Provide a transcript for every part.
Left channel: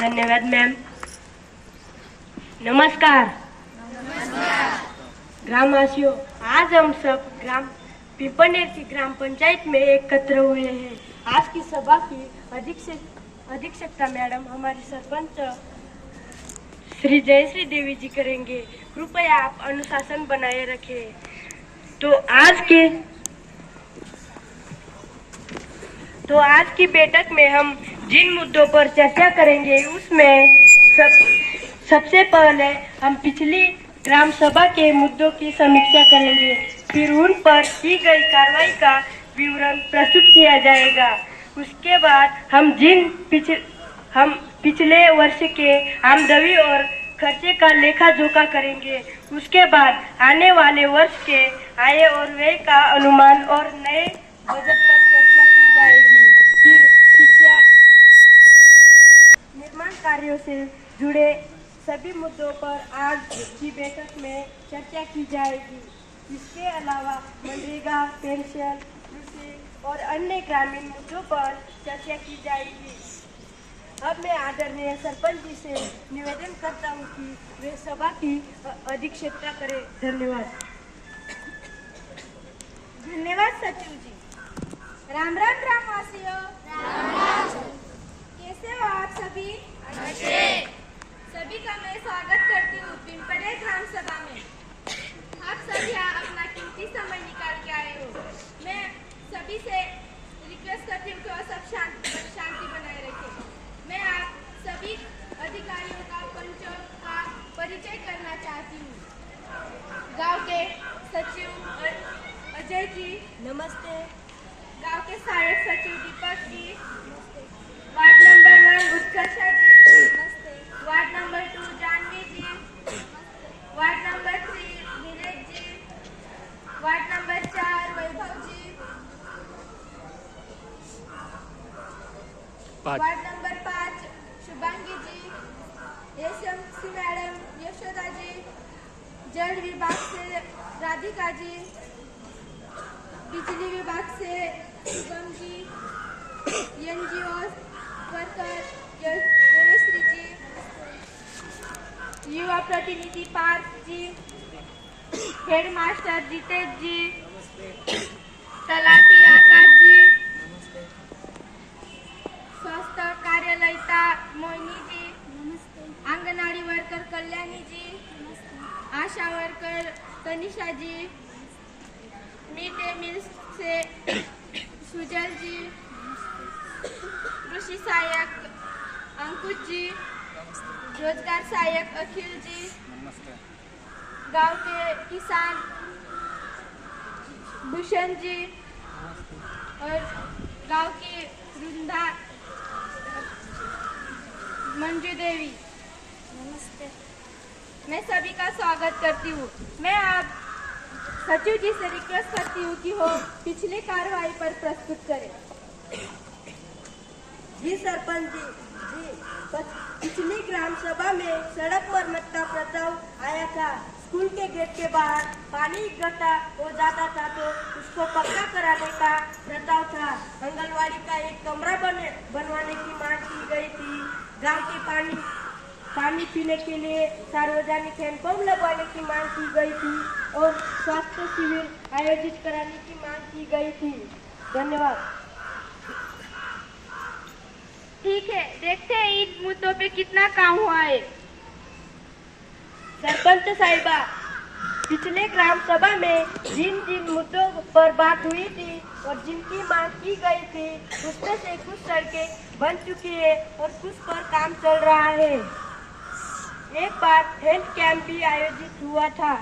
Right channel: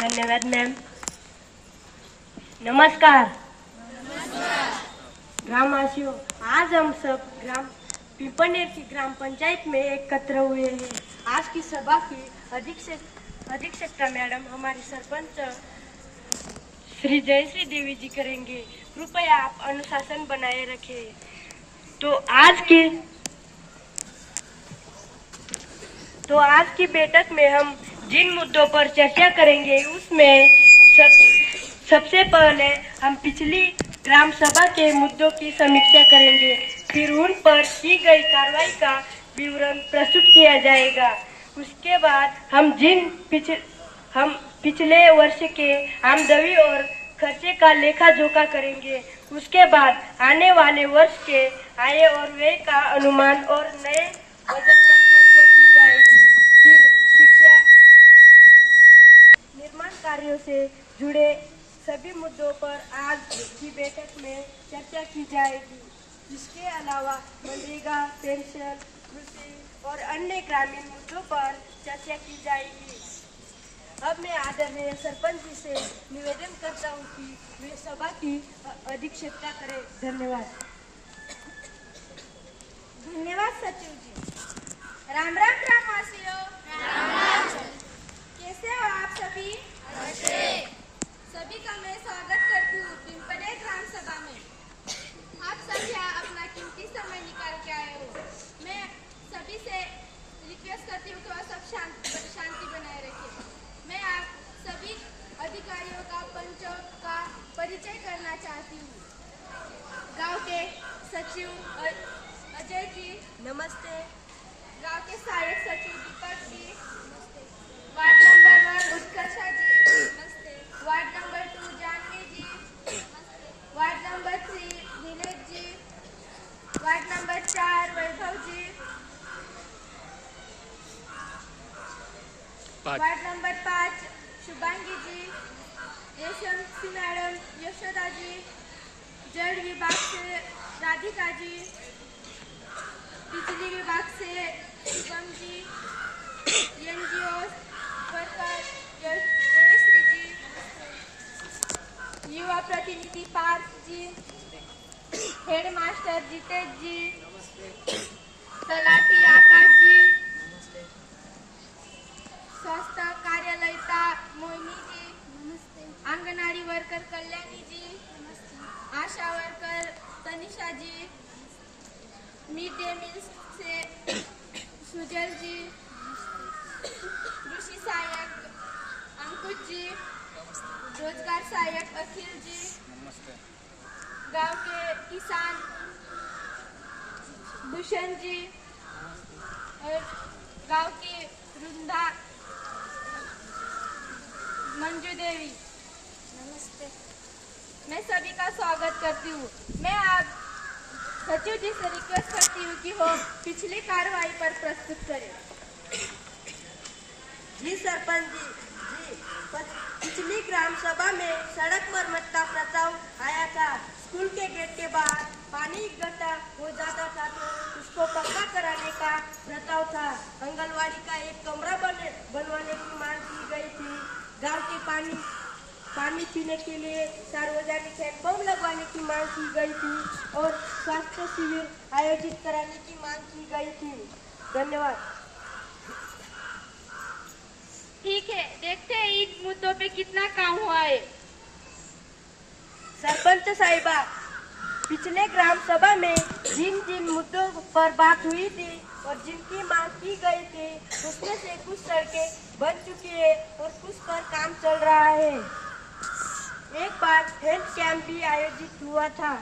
धन्यवाद मैम। नमस्कार ग्रामवासियों, आज हम सब ग्राम पिंपनेर की ग्राम पंचायत में एकत्र हुए हैं। आज की सभा की अध्यक्षता मैडम हमारी सरपंच श्री जयश्री देवी जी करेंगे। कृपया आप अनुशासन बनाए रखें। तो आज की बैठक में हम जिन मुद्दों पर चर्चा करेंगे उसमें सबसे पहले हम पिछली ग्राम सभा के मुद्दों की समीक्षा करेंगे, फिर उन पर की गई कार्रवाई का विवरण प्रस्तुत किया जाएगा। उसके बाद हम पिछले वर्ष के आमदनी और खर्चे का लेखा जोखा करेंगे। उसके बाद आने वाले वर्ष के आय और व्यय का अनुमान और नए बजट पर चर्चा की जाएगी। फिर शिक्षा निर्माण कार्यों से जुड़े सभी मुद्दों पर आज की बैठक में चर्चा की जाएगी। इसके अलावा मनरेगा, पेंशन, कृषि और अन्य ग्रामीण मुद्दों पर चर्चा की जाएगी। अब मैं आदरणीय सरपंच जी से निवेदन करता हूँ कि वे सभा की अध्यक्षता करें। धन्यवाद। धन्यवाद सचिव जी। राम राम ग्रामवासियों। कैसे हो आप सभी? सभी का मैं स्वागत करती हूँ पिंपनेर ग्राम सभा में। आप सभी अपना कीमती समय निकाल के आए हो। मैं सभी से रिक्वेस्ट करती हूँ कि वह सब शांति बनाए रखें। मैं आप सभी अधिकारियों का, पंचों का परिचय करना चाहती हूँ। गांव के सचिव अजय जी नमस्ते। गांव के सहायक सचिव दीपक जी नमस्ते। वार्ड नंबर 1 उत्कर्षा जी नमस्ते। वार्ड नंबर 2 जानवी जी नमस्ते। वार्ड नंबर 3 नीलेश जी। वार्ड नंबर 4 वैभव जी। वार्ड नंबर 5 शुभांगी जी। SMC madam Yashoda ji. जल विभाग से राधिका जी। बिजली विभाग से शुभम जी। एनजीओ वर्कर जयश्री जी। युवा प्रतिनिधि पार्थ जी। हेडमास्टर जितेश जी। तलाटी आकाश जी। स्वास्थ्य कार्यालयता मोहिनी जी नमस्ते। आंगनवाड़ी वर्कर कल्याणी जी नमस्ते। आशा वर्कर तनिषा जी। मिड डे मील से सुजल जी। कृषि सहायक अंकुश जी। रोजगार सहायक अखिल जी। गांव के किसान भूषण जी और गांव की वृंदा मंजू देवी नमस्ते। मैं सभी का स्वागत करती हूँ। मैं आप सचिव जी से रिक्वेस्ट करती हूँ कि वो पिछली कार्रवाई पर प्रस्तुत करें। जी सरपंच जी, पिछली ग्राम सभा में सड़क मरम्मत का प्रस्ताव आया था। स्कूल के गेट के बाहर पानी इकट्ठा हो जाता था तो उसको पक्का कराने का प्रस्ताव था। आंगनवाड़ी का एक कमरा बनवाने की मांग की गई थी। गांव के पानी पीने के लिए सार्वजनिक हैंडपंप लगवाने की मांग की गई थी और स्वास्थ्य शिविर आयोजित कराने की मांग की गई थी। धन्यवाद। ठीक है, देखते हैं इन मुद्दों पे कितना काम हुआ है। सरपंच साहिबा, पिछले ग्राम सभा में जिन जिन मुद्दों पर बात हुई थी और जिनकी मांग की गई थी उसमें से कुछ सड़कें बन चुकी है और कुछ पर काम चल रहा है। एक बार हेल्थ कैंप भी आयोजित हुआ था।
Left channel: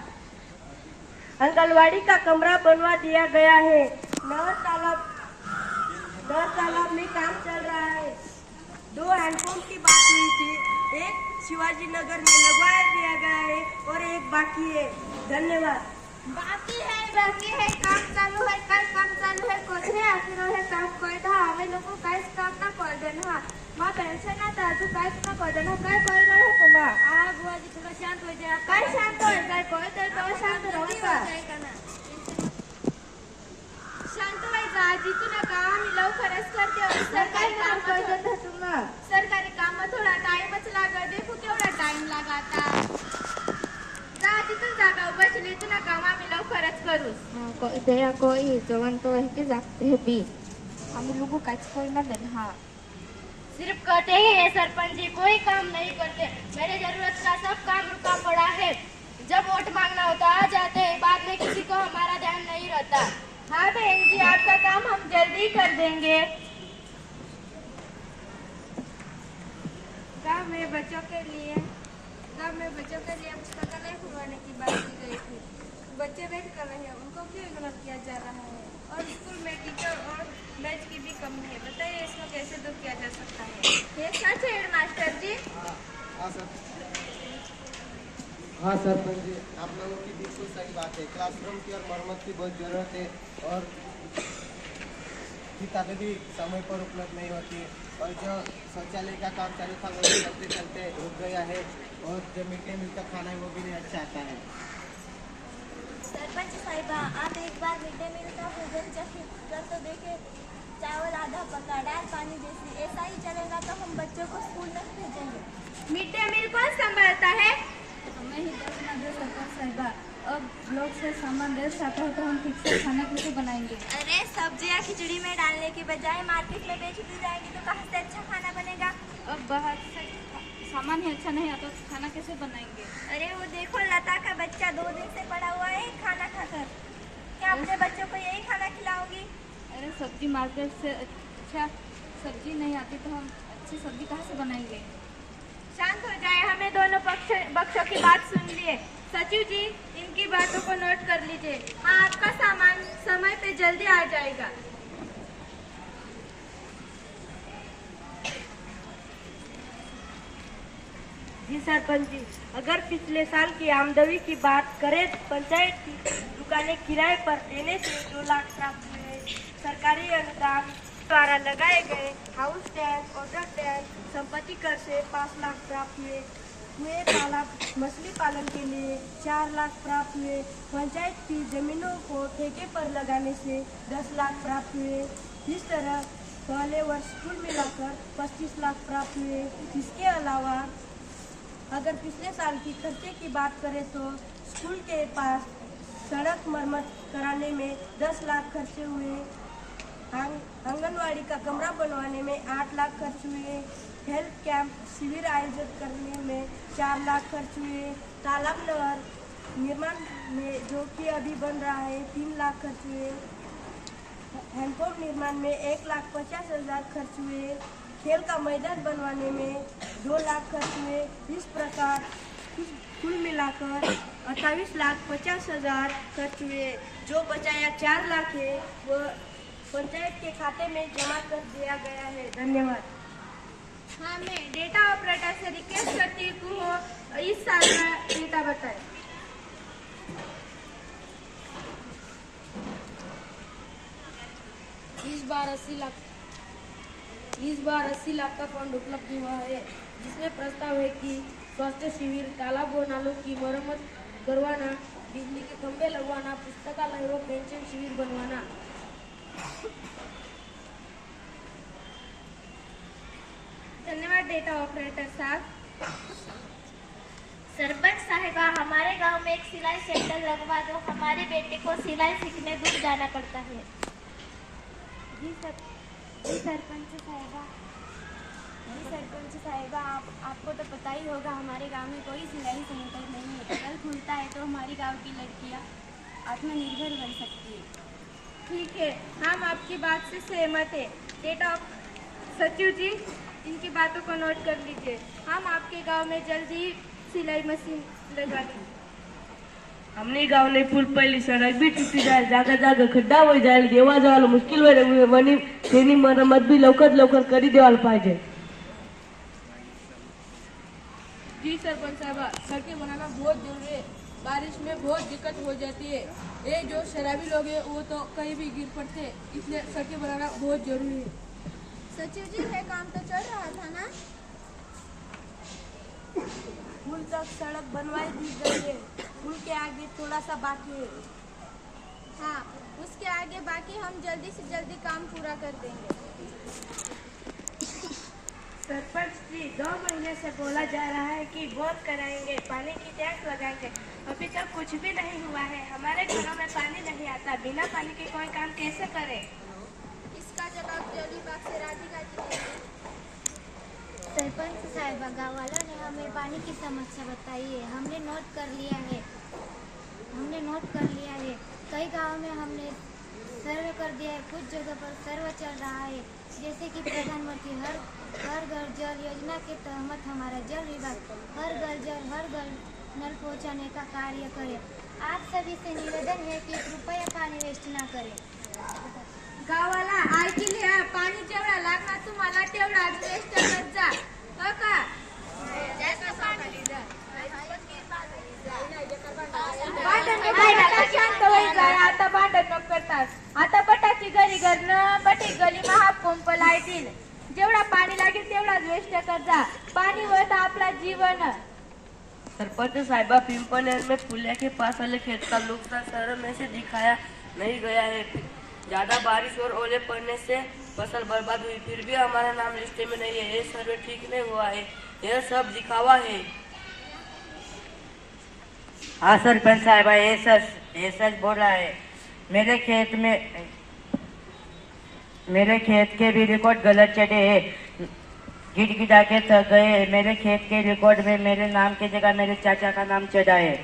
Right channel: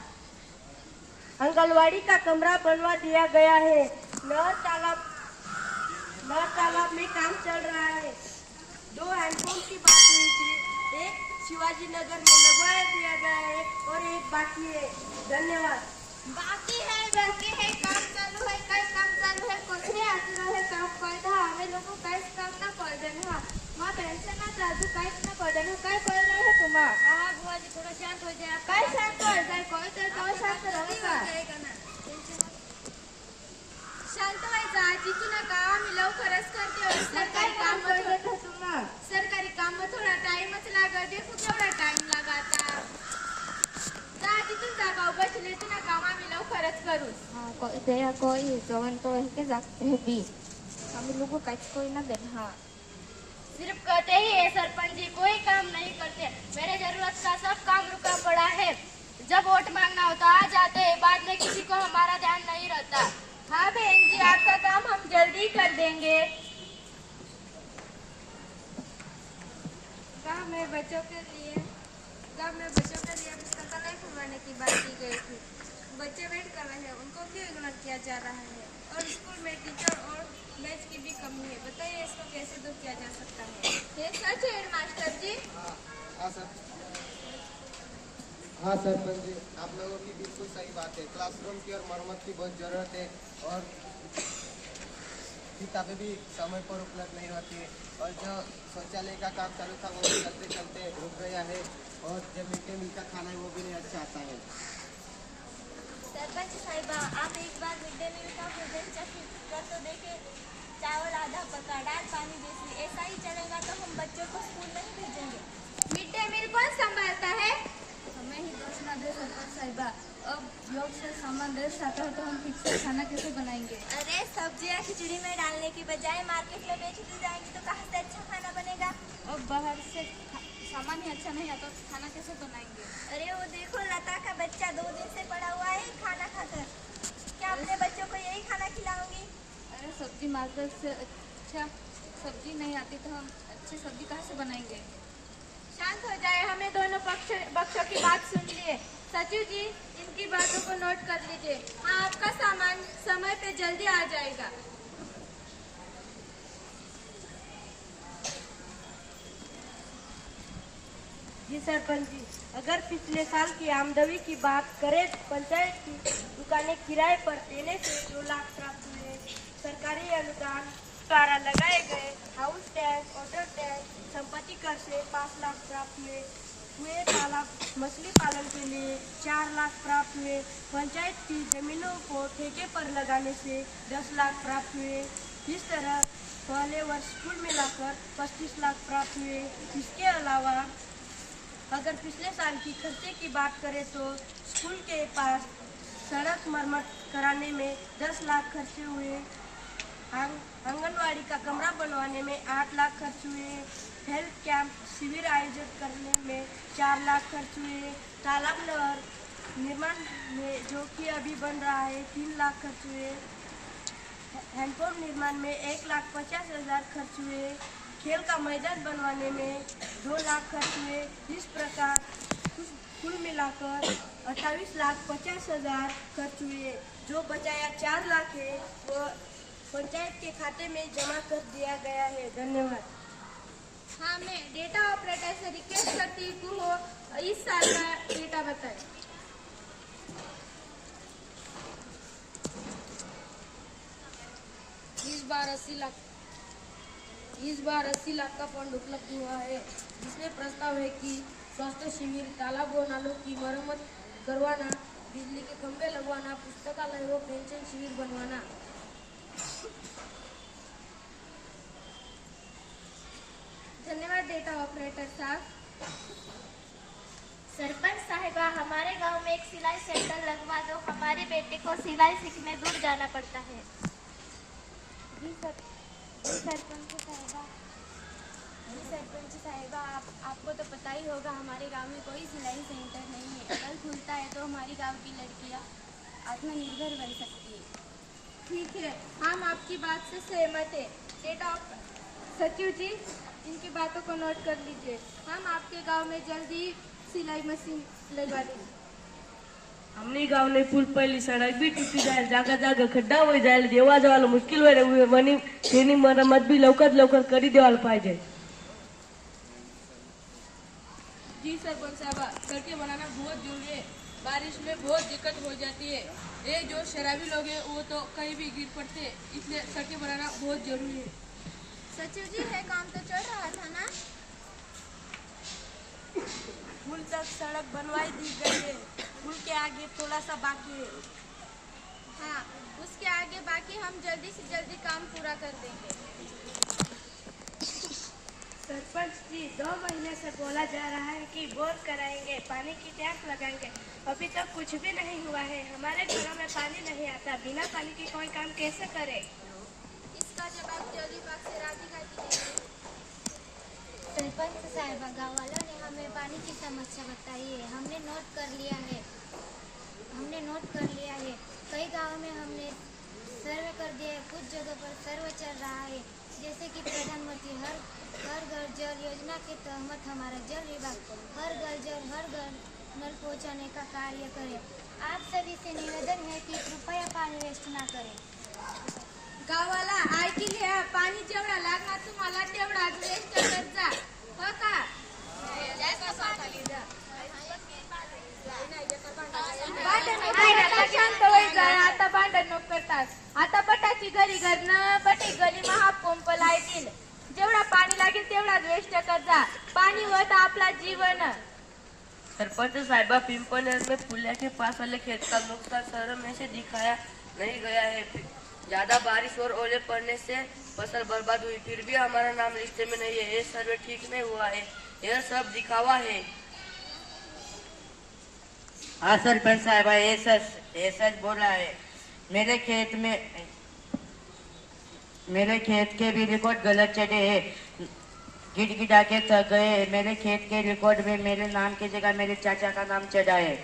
आंगनवाड़ी का कमरा बनवा दिया गया है। नहर तालाब में काम चल रहा है। 2 हैंडपंप की बात हुई थी। एक शिवाजी नगर में लगवा दिया गया है और एक बाकी है। धन्यवाद। बाकी है काम चालू है कोठे आसरो है काम करता हमें लोगों काहीच काम ना पडन हा मा पेन्शन ना ताजू काहीच ना पडन काय कर रहे तुम्हा आ बुआजी थोड़ा शांत हो जा काय शांत हो जाए कोई तो शांत रहो का शांत व्हायचा जिथून काम लवकरच करते सरकारी काम थोडा टाइम या कोई जवन तो है जागते हैं भी हम लोगों का कोई ना देखा सिर्फ कहते ही है सरपंच जी कोई काम नहीं करते मेरे जरूरत का सब काम रुका पड़ा है जब वोट मांगना होता आ जाते हैं बाद में किसी को हमारा ध्यान नहीं रहता हाँ बहन जी आपका काम हम जल्दी कर देंगे गाँव में बच्चों के लिए पुस्तकालय खुलवाने की बात की गई थी बच्चे वेट कर रहे हैं उनको क्यों इग्नोर किया जा रहा है और स्कूल में टीचर और बेंच की भी कमी है बताइए इसको कैसे दूर किया जा सकता है ये सच है हेडमास्टर जी हाँ सरपंच जी आप लोगों की बिल्कुल सही बात है क्लासरूम की और मरम्मत की बहुत ज़रूरत है और किताबें भी समय पर उपलब्ध नहीं होती और जो शौचालय का काम चालू था वो भी चलते चलते रुक गया है और जो मिड डे मील का खाना है वो भी नहीं अच्छा आता है सरपंच साहिबा आप इस बार मिड डे मील का भोजन कर तो देखे चावल आधा पका दाल पानी जैसी ऐसा ही चलेगा तो हम बच्चों को स्कूल नहीं भेजेंगे मिड डे मील कौन संभालता है हमें ही दस ना दे सरपंच साहिबा अब लोग से सामान दे सकता है तो हम ठीक से खाना कैसे बनाएंगे अरे सब्जियां खिचड़ी में डालने की बजाय मार्केट में बेच दी जाएंगी तो कहाँ से अच्छा खाना बनेगा अब बाहर से सामान ही अच्छा नहीं आता तो खाना कैसे बनाएंगे अरे वो देखो लता का बच्चा 2 दिन से पड़ा हुआ है खाना खाकर क्या अपने बच्चों को यही खाना खिलाओगी अरे सब्जी मार्केट से अच्छा सब्जी नहीं आती तो हम अच्छी सब्जी कहाँ से बनाएंगे शांत हो जाए हमें दोनों पक्षों की बात सुन लिए सचिव जी इनकी बातों को नोट कर लीजिए हाँ आपका सामान समय पे जल्दी आ जाएगा जी सरपंच जी अगर पिछले साल की आमदनी की बात करें तो पंचायत की दुकानें किराए पर देने से 2 लाख प्राप्त हुए सरकारी अनुदान द्वारा लगाए गए हाउस टैक्स वाटर टैक्स संपत्ति कर से 5 लाख प्राप्त हुए तालाब मछली पालन के लिए 4 लाख प्राप्त हुए पंचायत की जमीनों को ठेके पर लगाने से 10 लाख प्राप्त हुए इस तरह पहले वर्ष कुल मिलाकर 25 लाख प्राप्त हुए इसके अलावा अगर पिछले साल की खर्चे की बात करें तो स्कूल के पास सड़क मरम्मत कराने में 10 लाख खर्चे हुए आंगनवाड़ी का कमरा बनवाने में 8 लाख खर्च हुए हेल्थ कैंप शिविर आयोजित करने में 4 लाख खर्च हुए तालाब नहर निर्माण में जो कि अभी बन रहा है 3 लाख खर्च हुए हैंडपंप निर्माण में 1,50,000 खर्च हुए खेल का मैदान बनवाने में 2 लाख खर्च हुए इस प्रकार कुल मिलाकर 28,50,000 खर्च हुए जो बचाया 4 लाख है वह पंचायत के खाते में जमा कर दिया गया है धन्यवाद हाँ मैं डेटा ऑपरेटर से रिक्वेस्ट करती हूँ इस साल का डेटा बताएं इस बार 80 लाख का फंड उपलब्ध हुआ है जिसमें प्रस्ताव है कि स्वास्थ्य शिविर तालाब व नालों की मरम्मत करवाना बिजली के खंभे लगवाना पुस्तकालय व पेंशन शिविर बनवाना धन्यवाद डेटा ऑपरेटर साहब सरपंच साहिबा हमारे गांव में एक सिलाई सेंटर लगवा दो हमारे बेटे को सिलाई सीखने दूर जाना पड़ता है जी सरपंच साहिबा आपको तो पता ही होगा हमारे गांव में कोई सिलाई सेंटर नहीं है अगर खुलता है तो हमारी गांव की लड़कियां आत्मनिर्भर बन सकती है ठीक है हम आपकी बात से सहमत है डेटा सचिव जी इनकी बातों को नोट कर लीजिए हम आपके गांव में जल्दी सिलाई मशीन लगा देंगे हमने गाँव ने पुल पहली सड़क भी टूटी जाए जागा जागा खड्डा हो जाए जेव्हा जेव्हा मुश्किल होईल वनी तेनी मरम्मत भी लवकर करी देवायला पाहिजे जी सरपंच साहब सड़कें बनाना बहुत जरूरी है बारिश में बहुत दिक्कत हो जाती है ये जो शराबी लोग हैं वो तो कहीं भी गिर पड़ते हैं इसलिए सड़कें बनाना बहुत जरूरी है सचिव जी है काम तो चल रहा था ना पुल तक सड़क बनवाई दी गई है पुल के आगे थोड़ा सा बाकी है हाँ उसके आगे बाकी हम जल्दी से जल्दी काम पूरा कर देंगे सरपंच जी 2 महीने से बोला जा रहा है कि बोर कराएंगे पानी की टैंक लगाएंगे अभी तक कुछ भी नहीं हुआ है। हमारे घरों में पानी नहीं आता। बिना पानी के कोई काम कैसे करे? इसका जवाब जल्दी बाग से राधिका जी देंगी। सरपंच साहिबा, गाँव वालों ने हमें पानी की समस्या बताई है। हमने नोट कर लिया है। कई गाँव में हमने सर्वे कर दिया है। कुछ जगह पर सर्वे चल रहा है, जैसे कि प्रधानमंत्री हर घर जल योजना के तहत हमारा जल विभाग हर घर नल पहुंचाने का कार्य करे। आप सभी से निवेदन है कि कृपया पाणी वेस्ट ना करें। गावाला ऐकून घ्या, पाणी जेवढा लागणार तुम्हाला तेवढाच वेस्ट करत जा, हो का? आता भांडण नको करतात. आता बटाची घरी घरनं बटे गली महापंप लायतील. जेवढा पाणी लागेल तेवढाच वेस्ट कर जा. पाणी होता आपला जीवन. सरपंच साहिबा, पिंपलर में पुलिया के पास वाले खेत का नुकसान सर्वे में से दिखाया नहीं गया है। ज्यादा बारिश और ओले पड़ने से फसल बर्बाद हुई, फिर भी हमारा नाम लिस्ट में नहीं है। ये सर्वे ठीक नहीं हुआ है, यह सब दिखावा है। हाँ सरपंच साहिबा, ये सच बोल रहा है। मेरे खेत के भी रिकॉर्ड गलत चढ़े हैं। गिड़गिड़ा के थक गए। मेरे खेत के रिकॉर्ड में मेरे नाम की जगह मेरे चाचा का नाम चढ़ा है।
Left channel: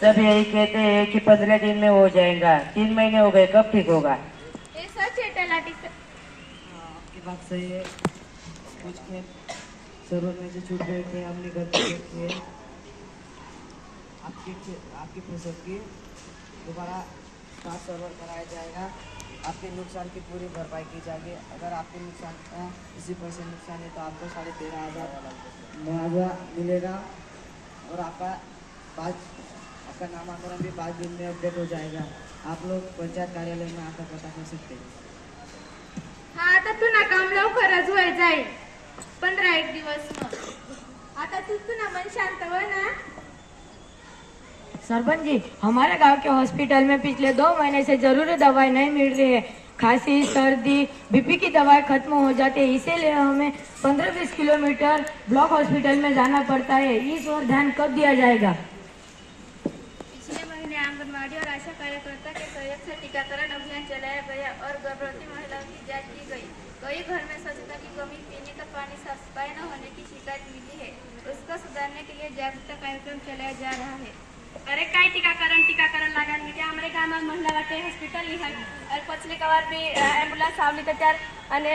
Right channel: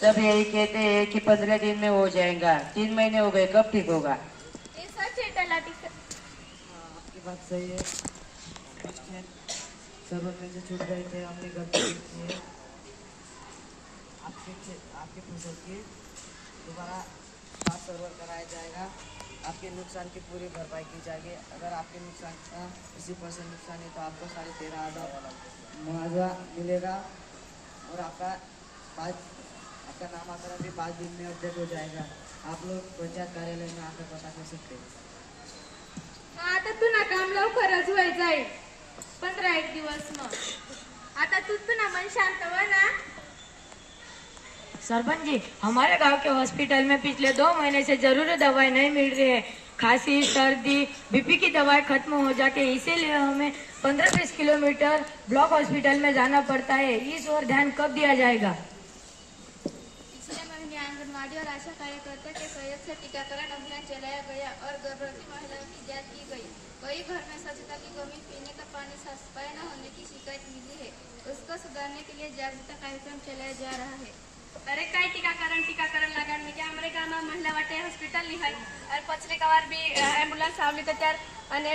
सब यही कहते हैं कि 15 दिन में हो जाएगा। 3 महीने हो गए, कब ठीक होगा? हे सच आहे तलाठी. आपकी बात सही है। कुछ खेत सर्वे में से छूट गए थे, हमने गलती की है। आपकी फसल की दोबारा खास सर्वर कराया जाएगा। आपके नुकसान की पूरी भरपाई की जाएगी। अगर आपके नुकसान का 80% नुकसान है तो आपको 13,500 मुआवजा मिलेगा और आपका नामांकन भी 5 दिन में अपडेट हो जाएगा। आप लोग पंचायत कार्यालय में आकर पता कर सकते हैं। हा, आता पुन्हा काम लवकरच होय जाईल. 15-1 दिवस मग. आता तू पुन्हा मन शांत हो ना. सरपंच जी, हमारे गांव के हॉस्पिटल में पिछले 2 महीने से जरूरी दवाई नहीं मिल रही है। खांसी, सर्दी, बीपी की दवाई खत्म हो जाती है, इसीलिए हमें 15-20 किलोमीटर ब्लॉक हॉस्पिटल में जाना पड़ता है। इस ओर ध्यान कब दिया जाएगा? पिछले महीने आंगनबाड़ी और आशा कार्यकर्ता के सहयोग से टीकाकरण अभियान चलाया गया और गर्भवती महिलाओं की जांच की गई। कई घर में स्वच्छता की कमी, पीने का पानी साफ सफाई न होने की शिकायत मिली है। उसको सुधारने के लिए जागरूकता कार्यक्रम चलाया जा रहा है. अरे काय टीकाकरण लागण में क्या हमारे गाँव में महिला वाटे हॉस्पिटल नहीं है और पछले कवार भी एम्बुलेंस आवली तो त्यार अने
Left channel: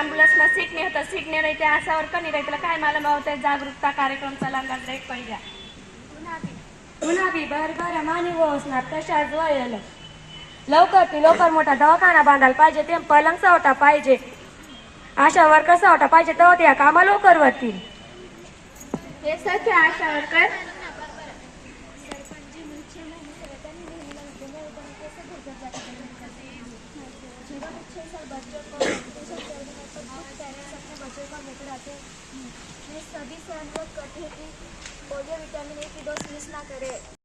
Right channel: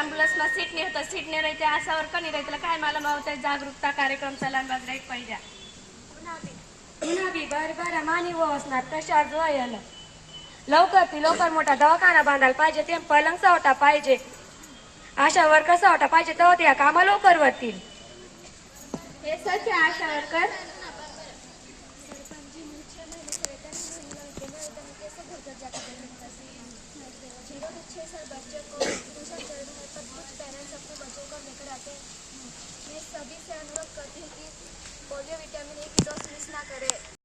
एम्बुलेंस में सीट नहीं होता. सीट नहीं रहते आशा और कहीं रहते काय मालूम होता जागरूकता कार्यक्रम चलाना रेट पहिल्या. पुन्हा बी घर मानी व असणार प्रसार जोयल. लवकर मोठा दवाखाना बांधायला पाहिजे. ते पलंग सवटा पाहिजे. आशा वर्कर सवटा पाहिजे तेव्हा त्या कामा लवकर होतील. हे सच है आशा वर्कर. बच्चों को वैक्सीनेशन चल रहा है पर कुछ पेरेंट्स अपने बच्चों को लेकर आते हैं. मैं सभी से अनुरोध करती हूँ कि पोलियो विटामिन ए की डोज मिस ना करें.